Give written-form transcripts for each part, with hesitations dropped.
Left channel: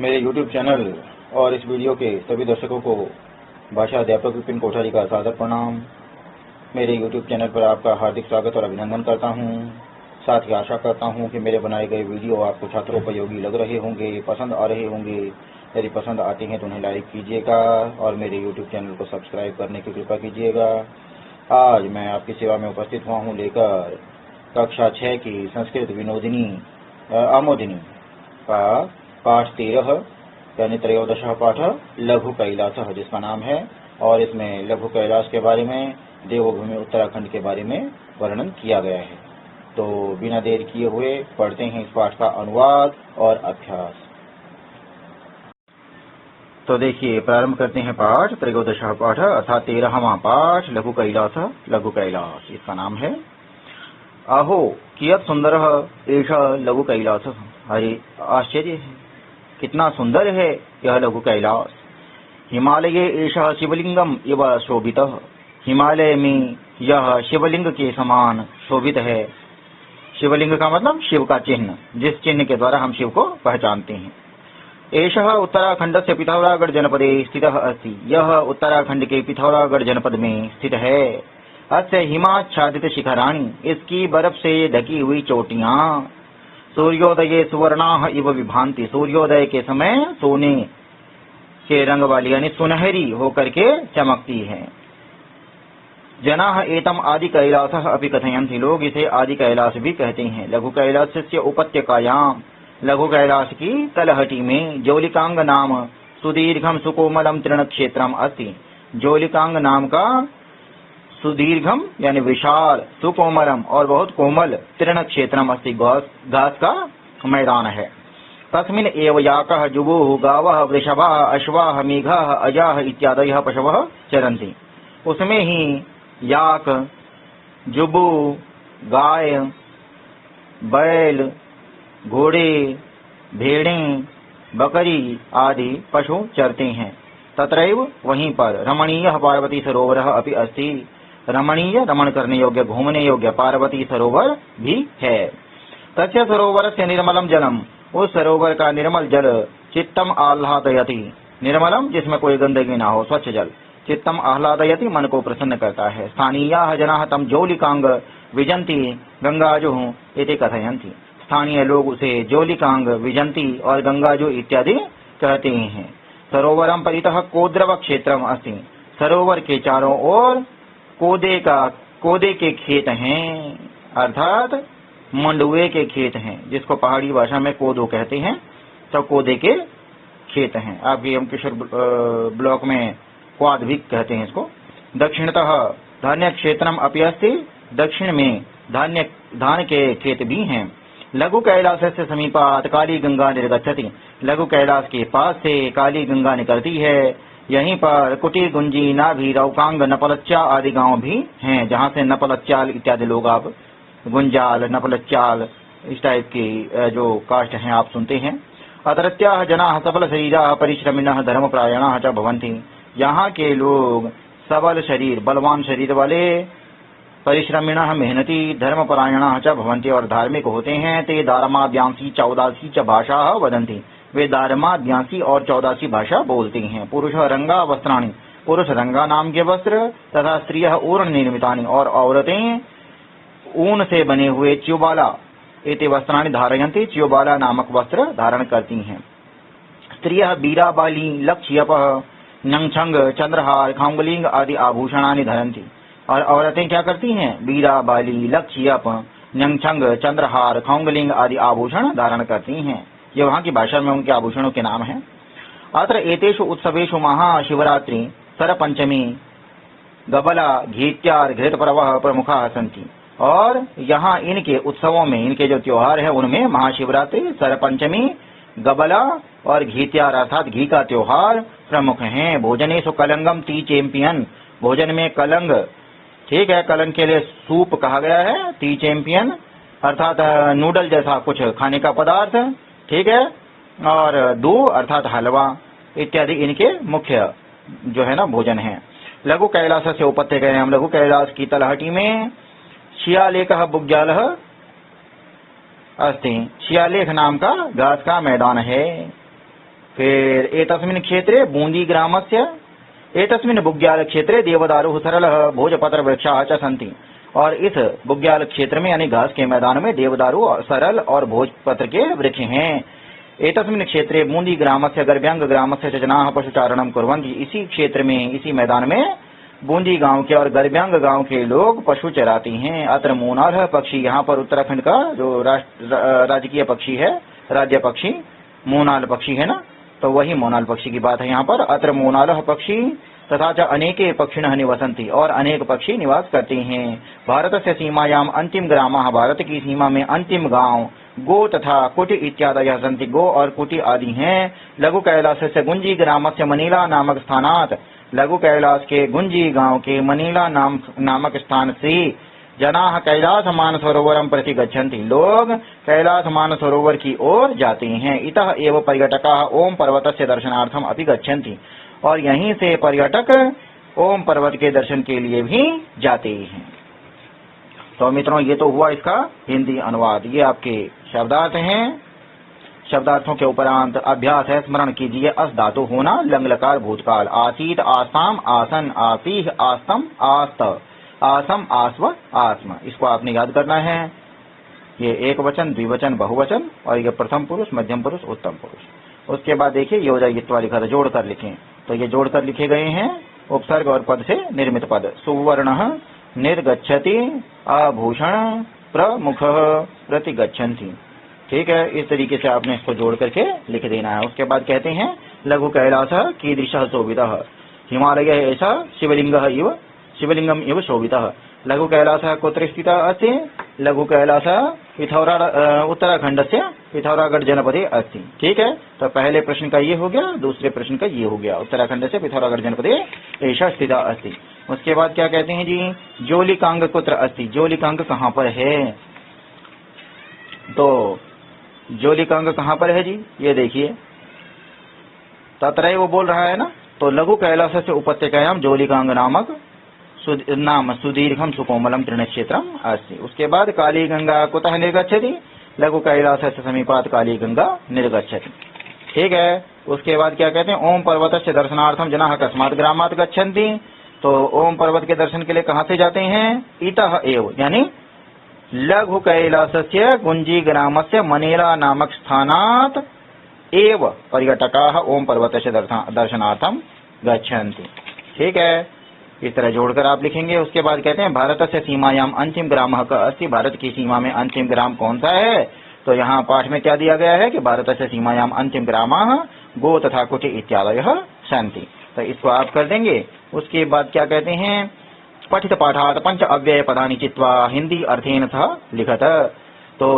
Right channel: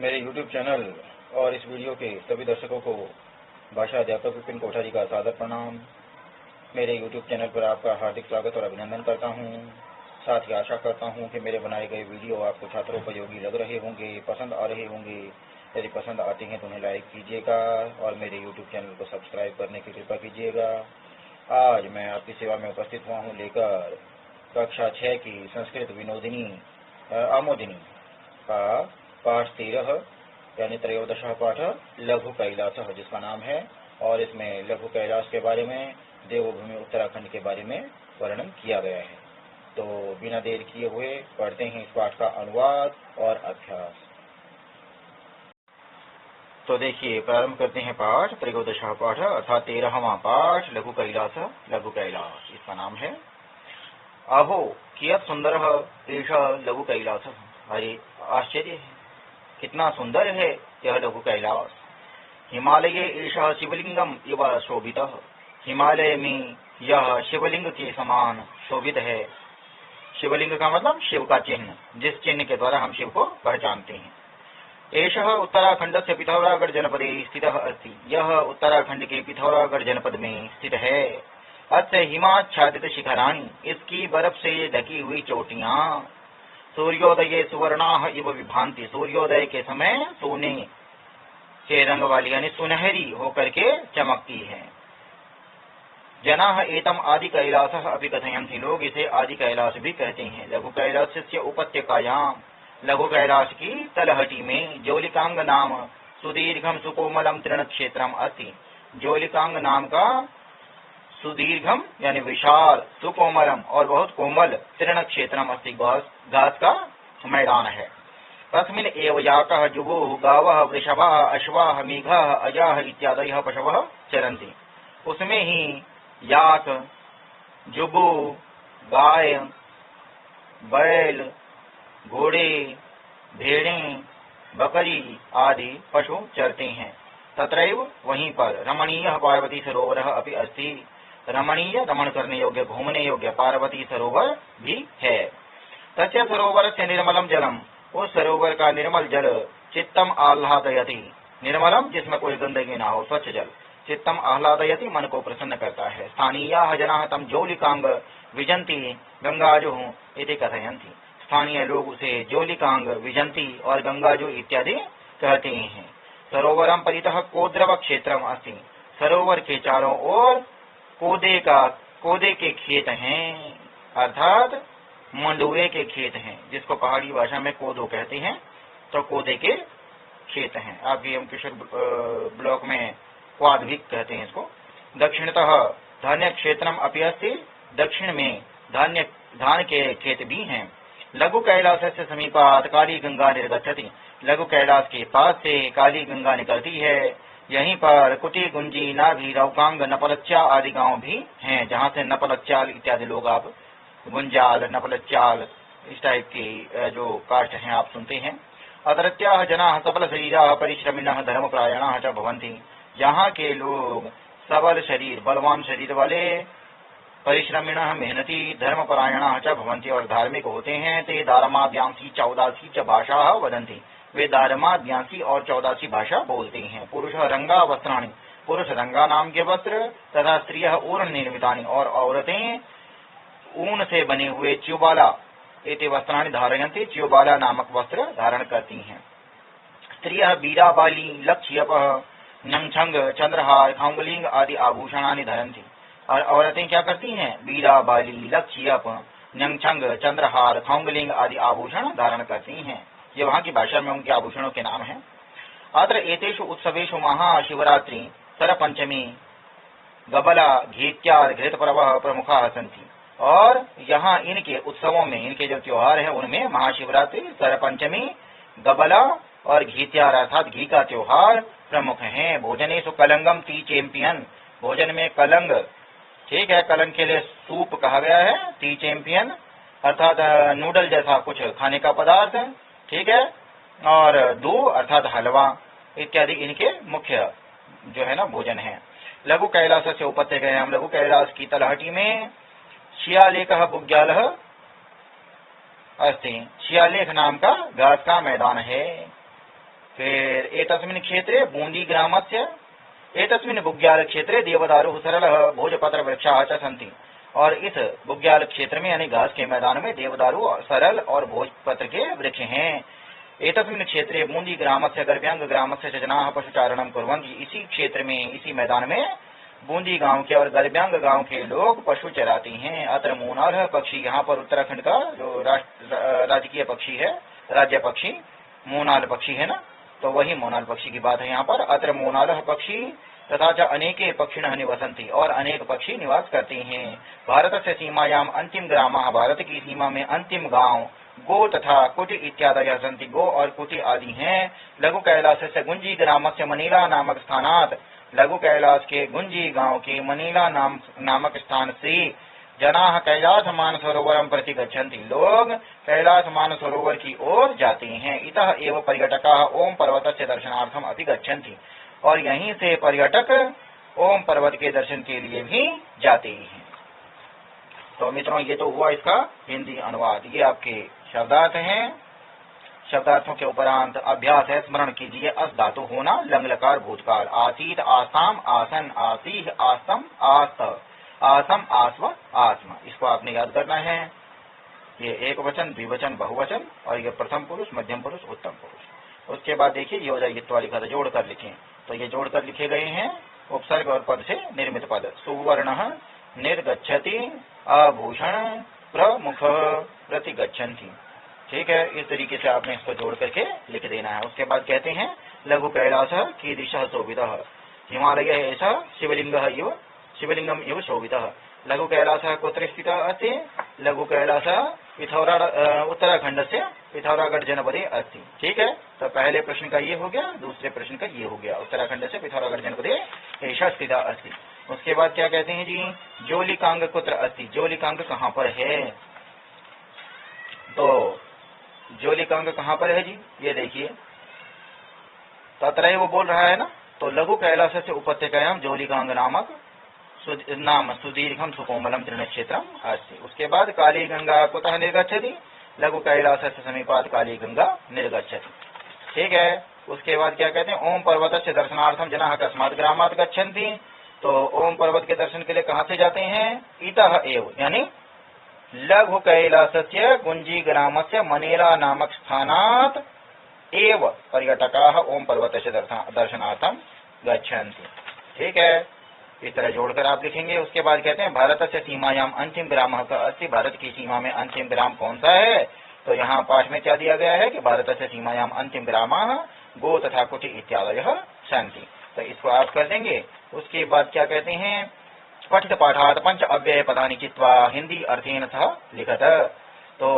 मेरे YouTube channel और इस वीडियो के सभी दर्शकों को भाषा अध्यापक विपिन कोठारी का सादर प्रणाम। मेरे YouTube चैनल पर आपका हार्दिक स्वागत और अभिनंदन करता हूं। साथ ही आशा करता हूं कि मेरे बनाए गए वीडियो आपको छात्रोपयोगी लग रहे होंगे, पसंद आ रहे होंगे। यदि पसंद आते हैं तो उन्हें लाइक कीजिएगा और मेरे YouTube चैनल को सब्सक्राइब करने की कृपा कीजिएगा। आज मैं आपकी सेवा में उपस्थित हुआ हूँ लेकर कक्षा 6 की संस्कृत विनोदिनी आमोदिनी का पाठ 13 यानी 13वां पाठ लघु कैलास, जिसका नाम है, और इसमें लघु कैलाश के बारे में, देवभूमि उत्तराखंड के बारे में वर्णन किया गया है। तो बिना देर किए हुए पढ़ते हैं इस पाठ का अनुवाद और अभ्यास। तो देखिए, प्रारंभ करते हैं पाठ 13वां पाठ अर्थात 13वां पाठ लघु कैलास। लघु कैलास इसका नाम है। अहो कियत् सुंदर एषा लघु कैलास। अरे आश्चर्य है, कितना सुंदर है यह लघु कैलास। हिमालये एषः शिवलिंगम इव शोभितः। हिमालय में यह शिवलिंग के समान शोभित है। शिवलिंग का मतलब शिव का चिन्ह, जिस चिन्ह के द्वारा हम शिव को पहचानते हैं। एषः उत्तराखंड से पिथौरागढ़ जनपदे स्थितः अस्ति। यह उत्तराखंड के पिथौरागढ़ जनपद में स्थित है। अस्य हिमाच्छादित शिखराणि, इसकी बर्फ से ढकी हुई चोटियां, सूर्योदय सुवर्णाः इव विभान्ति। सूर्योदय के समय सोने के रंग वाली यानी सुनहरी होकर के चमकती है। जनाः एतम आदि कैलासः अपि कथयन्ति। लोग इसे आदि कैलाश भी कहते हैं। लघु कैलासस्य उपत्यकायां, लघु कैलाश की तलहटी में ज्योलिकांग नाम सुदीर्घम सुकोमलम तृणक्षेत्रम अस्ति। ज्योलिकांग नाम का सुदीर्घम यानी विशाल, सुकोमलम और बहुत कोमल तृण क्षेत्रम अस्ति, घास का मैदान है। तस्मिन् एव याकः जुगुः गावः वृषभः अश्वाः मेघः अजाः इत्यादयः पशवः चरन्ति। उसमें ही याक, जुबू, गाय, बैल, घोड़े, भेड़ें, बकरी आदि पशु चरते हैं। तत्रैव वहीं पर रमणीयः पार्वती सरोवरः अपि अस्ति। रमणीय, रमण करने योग्य, घूमने योग्य पार्वती सरोवर भी है। तस्य सरोवर से निर्मलम जलम, उस सरोवर का निर्मल जल चित्तम आह्लादयति। निर्मलम जिसमें कोई गंदगी ना हो, स्वच्छ जल। चित्तम आह्लादयति मन को प्रसन्न करता है। स्थानीयाः जनाः तम ज्योलिकांग विजंती गंगाजुः इति कथयन्ति। स्थानीय लोग उसे ज्योलिकांग, विजंती और गंगाजु इत्यादि कहते हैं। सरोवरम परितः कोद्रव क्षेत्रम अस्ति। सरोवर के चारों ओर कोदे के खेत हैं, अर्थात मंडुए के खेत हैं, जिसको पहाड़ी भाषा में कोदो कहते हैं। तो कोदे के खेत हैं। आपके यमकेश्वर ब्लॉक में क्वाद भी कहते हैं इसको। दक्षिणतः धान्य क्षेत्रम अपि अस्ति। दक्षिण में धान के खेत भी हैं। लघु कैलास से समीपात काली गंगा निर्गच्छति। लघु कैलाश के पास से काली गंगा निकलती है। यहीं पर कुटी, गुंजी, नाभी, रौकांग, नपलच्चा आदि गांव भी हैं, जहां से नपलच्चाल इत्यादि लोग, आप गुंजाल, नपलच्चाल इस टाइप की जो कास्ट हैं आप सुनते हैं। अत्रत्याः जनाः सबल शरीराः परिश्रमिणः धर्मपरायणाः च भवन्ति। यहाँ के लोग सबल शरीर, बलवान शरीर वाले, परिश्रमिणः मेहनती, धर्मपरायणाः च भवन्ति और धार्मिक होते हैं। ते दारमाद्यांसी चौदासी च भाषाः वदन्ति। वे दारमाद्यांसी और 14 भाषा बोलते हैं। पुरुष रंगा वस्त्राणि, पुरुष रंगा नाम के वस्त्र तथा स्त्रियः ऊर्ण निर्मितानि, और औरतें ऊन से बने हुए च्युबाला इति वस्त्राणि धारयन्ति। च्युबाला नामक वस्त्र धारण करती हैं। स्त्रियः बीराबाली, लक्ष्यपः, नंगछंग, चंद्रहार, खांगलिंग आदि आभूषणानि धरन्ति। और औरतें क्या करती हैं? बीराबाली, लक्ष्यप, नंगछंग, चंद्रहार, खांगलिंग आदि आभूषण धारण करती हैं। ये वहाँ की भाषा में उनके आभूषणों के नाम हैं। अत्र एतेषु उत्सवेषु महाशिवरात्रि, सरपंचमी, गबला, घीत्यार, घृतपर्वः प्रमुखाः सन्ति। और यहाँ इनके उत्सवों में, इनके जो त्योहार है उनमें महाशिवरात्रि, सरपंचमी, गबला और घीत्यार अर्थात घी का त्योहार प्रमुख हैं। भोजनेषु कलंगम टी चैंपियन, भोजन में कलंग, ठीक है, कलंग के लिए सूप कहा गया है। टी चैंपियन अर्थात नूडल जैसा कुछ खाने का पदार्थ, ठीक है, और दूध अर्थात हलवा इत्यादि इनके मुख्य जो है ना भोजन है। लघु कैलास से उपत्यकायां, लघु कैलाश की तलहटी में शियालेखः बुग्यालः अस्ति। शियालेख नाम का घास का मैदान है। फिर एतस्मिन् क्षेत्रे बूंदी ग्रामस्य एतस्मिन् बुग्याल क्षेत्रे देवदारुः सरलः भोजपत्र वृक्षाः च सन्ति। और इस बुग्याल क्षेत्र में यानी घास के मैदान में देवदारू सरल और भोजपत्र के वृक्ष हैं। एतस्मिन् क्षेत्रे बूंदी ग्रामस्य गर्भ्यांग ग्रामस्य च जनाः पशुचारणं कुर्वन्ति। इसी क्षेत्र में इसी मैदान में बूंदी गांव के और गर्भ्यांग गांव के लोग पशु चराते हैं। अत्र मोनाल पक्षी, यहाँ पर उत्तराखंड का जो राजकीय पक्षी है, राज्य पक्षी मोनाल पक्षी है ना, तो वही मोनाल पक्षी की बात है यहाँ पर। अत्र मोनाल पक्षी तथा च अनेके पक्षिणः निवसन्ति, और अनेक पक्षी निवास करते हैं। भारत से सीमायाम अंतिम ग्रामः, भारत की सीमा में अंतिम गांव गो तथा कुटी इत्यादयः सन्ति। गो और कुटी आदि हैं। लघु कैलाश से गुंजी ग्राम से मनीला नामक स्थानात्, लघु कैलाश के गुंजी गांव के मनीला नामक स्थान से जनाः कैलाश मानसरोवरं प्रति गच्छन्ति, लोग कैलाश मानसरोवर की ओर जाते हैं। इतः एव पर्यटकाः ओम पर्वतस्य दर्शनार्थम अपि गच्छन्ति, और यहीं से पर्यटक ओम पर्वत के दर्शन के लिए भी जाते हैं। तो मित्रों, ये तो हुआ इसका हिंदी अनुवाद। ये आपके शब्दार्थ हैं। शब्दार्थों के उपरांत अभ्यास है, स्मरण कीजिए। अस धातु होना, लंग लकार भूतकाल, आसीत आसाम आसन, आसीह आसम आस्त, आसम आस्व आत्म, इसको आपने याद करना है। ये एक वचन, द्विवचन, बहुवचन, और ये प्रथम पुरुष, मध्यम पुरुष, उत्तम पुरुष। उसके बाद देखिए योजयित्वा लिखा था, जोड़कर लिखें, तो ये जोड़कर लिखे गए हैं। उपसर्ग और पद से निर्मित पद। सुवर्ण निर्गच्छति, आभूषण प्रमुख प्रतिगच्छन्ति। ठीक है, इस तरीके से आपने इसको जोड़ करके लिख देना है। उसके बाद कहते हैं लघु कैलास कीदृशः शोभितः, हिमालय ऐसा शिवलिंगम इव शोभितः। लघु कैलास कुत्र स्थितः अस्ति? लघु कैलास उत्तराखंड से पिथौरागढ़ जनपदे अस्ति। ठीक है, तो पहले प्रश्न का ये हो गया, दूसरे प्रश्न का ये हो गया। उत्तराखंड से पिथौरागढ़ जनपदे ऐसा स्थितः अस्ति। उसके बाद क्या कहते हैं जी, जोलिकांग कुत्र अस्ति, जोलिकांग कहाँ पर है? तो जोलिकांग कहाँ पर है जी, ये देखिए तत्रैव वो बोल रहा है ना। तो लघु कैलाश से उपत्यकायाम जोलिकांग नामक नाम सुदीर्घम सुकोमलम तृणक्षेत्रम अस्ति। उसके बाद काली गंगा कुतः निर्गच्छति, लघु कैलाश से समीपात काली गंगा निर्गच्छति। ठीक है, उसके बाद क्या कहते हैं, ओम पर्वत से दर्शनार्थम जनाः कस्मात् ग्रामात् गच्छन्ति। तो ओम पर्वत के दर्शन के लिए कहाँ से जाते हैं? इतः एव, यानी लघु कैलासस्य गुंजी ग्रामस्य मनेला नामक स्थानात् एव पर्यटकाः ओम पर्वतस्य दर्शनार्थम गच्छन्ति। ठीक है, इस तरह जोड़कर आप लिखेंगे। उसके बाद कहते हैं भारत से सीमायाम अंतिम ग्रामः क अस्ति, भारत की सीमा में अंतिम ग्राम कौन सा है? तो यहाँ पाठ में क्या दिया गया है कि भारत से सीमायाम अंतिम ग्रामः गो तथा कुटी इत्यादयः सन्ति। तो इसको आप कर देंगे। उसके बाद क्या कहते हैं, पठित पाठात् पंच अव्यय पदानि चित्वा हिंदी अर्थेन सह लिखत। तो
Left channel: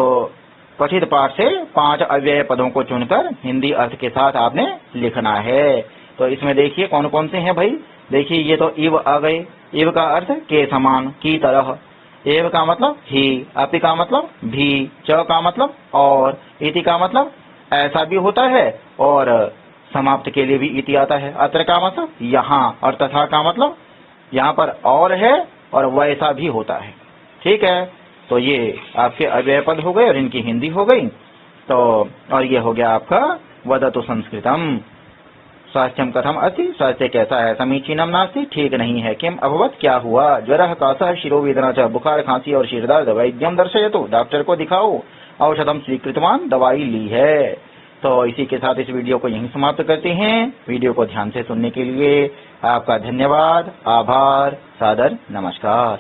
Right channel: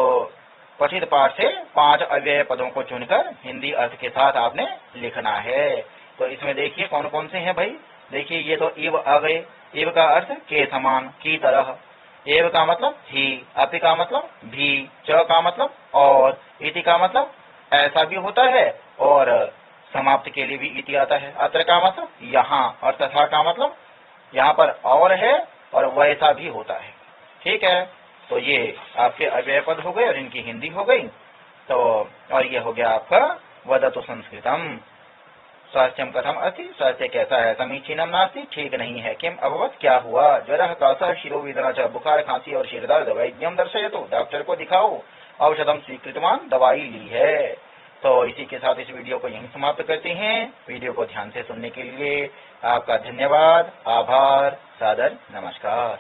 पठित पाठ से 5 अव्यय पदों को चुनकर हिंदी अर्थ के साथ आपने लिखना है। तो इसमें देखिए कौन कौन से हैं भाई। देखिए ये तो इव आ गए। इव का अर्थ के समान, की तरह। एव का मतलब ही, अपि का मतलब भी, च का मतलब और, इति का मतलब ऐसा भी होता है, और समाप्त के लिए भी इति आता है। अत्र का मतलब यहाँ, और तथा का मतलब यहाँ पर और है, और वैसा भी होता है। ठीक है, तो ये आपके अव्यय पद हो गए और इनकी हिंदी हो गई। तो और ये हो गया आपका वदतु संस्कृतम। स्वास्थ्यम कथम अस्ति, स्वास्थ्य कैसा है? समीचीनम नास्ति, ठीक नहीं है। किम अभवत, क्या हुआ? ज्वरः कासः शिरोवेदना च, बुखार खांसी और सिर दर्द। वैद्यम दर्शयतु, डॉक्टर को दिखाओ। औषधम स्वीकृतवान, दवाई ली है। तो इसी के साथ इस वीडियो को यहीं समाप्त करते हैं। वीडियो को ध्यान से सुनने के लिए आपका धन्यवाद, आभार, सादर नमस्कार।